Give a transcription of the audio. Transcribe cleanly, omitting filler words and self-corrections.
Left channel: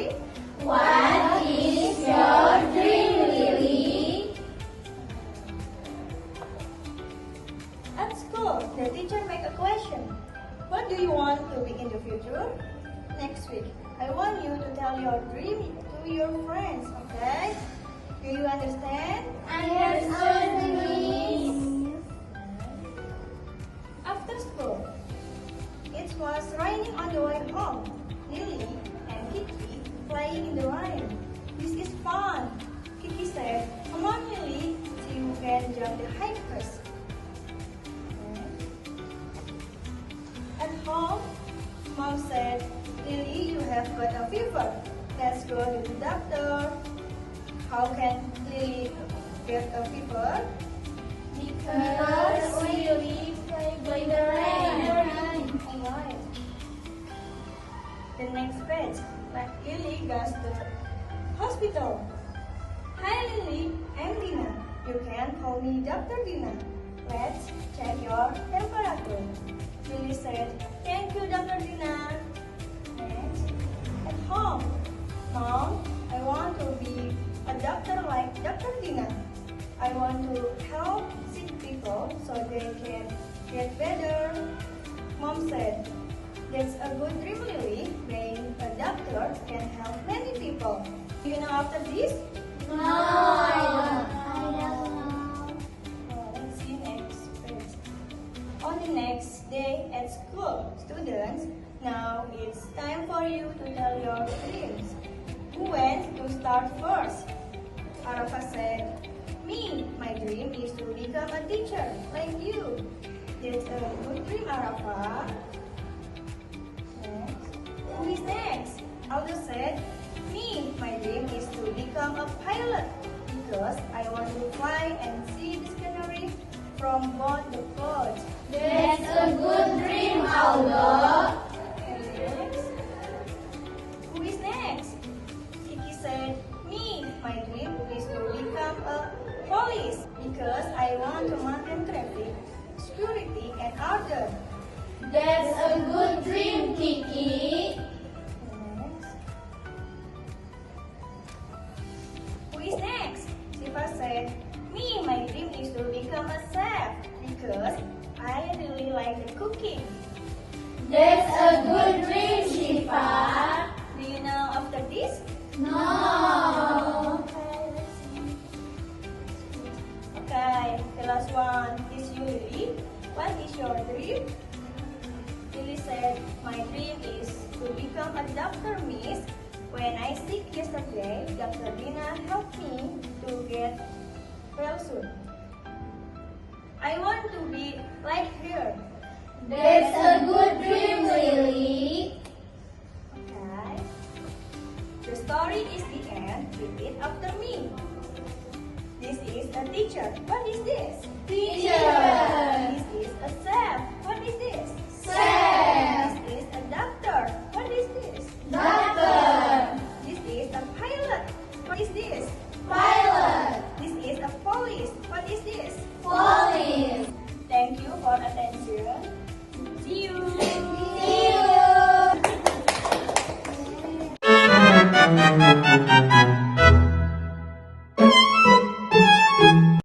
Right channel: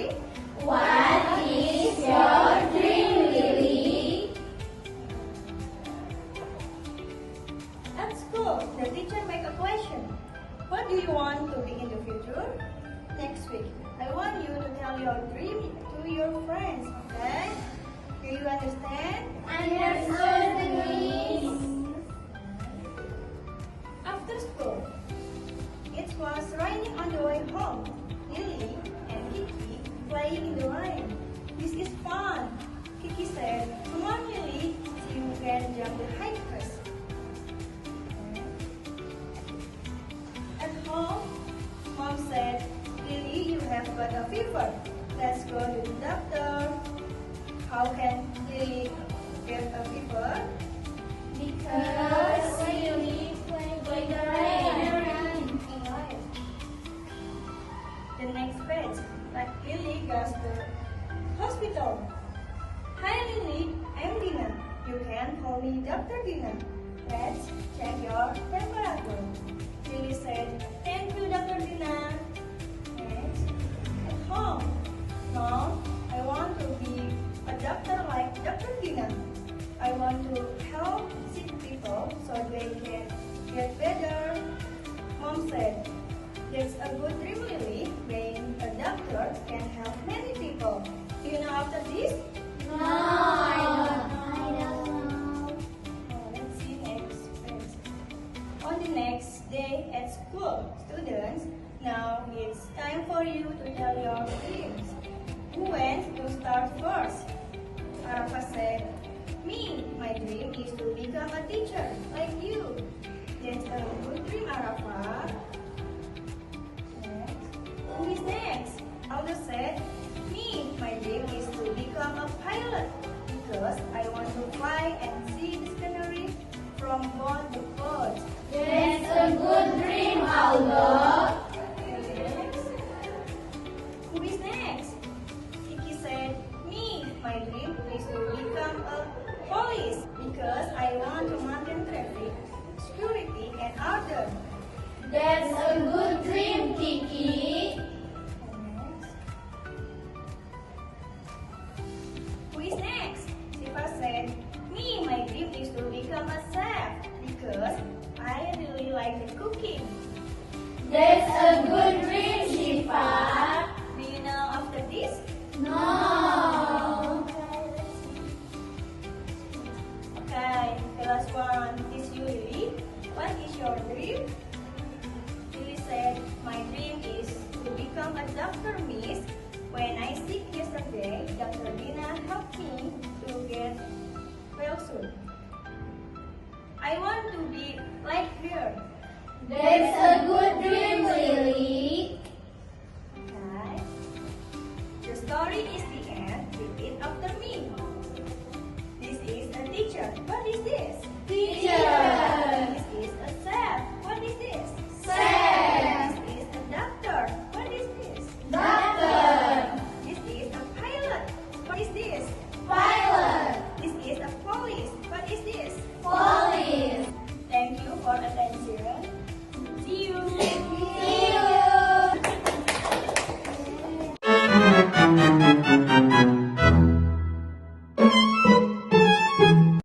story. What is your dream, Lily? At school, the teacher make a question. What do you want to be in the future? Next week, I want you to tell your dream to your friends, okay? Do you understand? Understood, Miss. After school, it was raining on the way home. Lily and Kiki playing in the rain. This is fun. Kiki said, "Come on, Lily, so you can jump the high first." At home, Mom said, "Lily, you have got a fever. Let's go to the doctor." How can Lily get a fever? Because Lily played by the rain. Alright. The next page, Lily goes to hospital. "Hi Lily, I'm Dina. You can call me Dr. Dina. Let's check your temperature." Lily said, "Thank you, Dr. Dina." Next, at home, "Mom, I want to be a doctor like Dr. Dina. I want to help sick people so they can get better." Mom said, "That's a good dream, Lily. Being a doctor can help many people. Do you know after this?" No, I don't know. Let's see next page. On the next day at school, students, now it's time for you to tell your dreams. Who wants to start first? Arafa said, "Me, my dream is to become a teacher like you." That's a good dream, Arafa. Next. Who is next? Aldo said, "Me, my dream is to become a pilot because I want to fly and see the scenery from beyond the clouds." That's a good dream, Aldo. Next. Who is next? Kiki said, "Me, my dream is to become a police because I want to maintain traffic, security, and order." That's a good dream, Kiki. Next. Who is next? Siva said, "Me, my dream is to become a chef because I really like the cooking." That's a good dream, Shifa. Do you know after this? No. Okay, let's see. Okay, the last one is you, Lily. What is your dream? Lily said, "My dream is to become a doctor, Miss. When I sick yesterday, Dr. Dina helped me to get well soon. I want to be like her." That's a good dream, Lily. Okay. The story is the end. Repeat after me. This is a teacher. What is this? Teacher. This is a chef. What is this? Chef. This is a doctor. What is this? Doctor. This is a pilot. What is this? Pilot. This is a police. What is this? Police.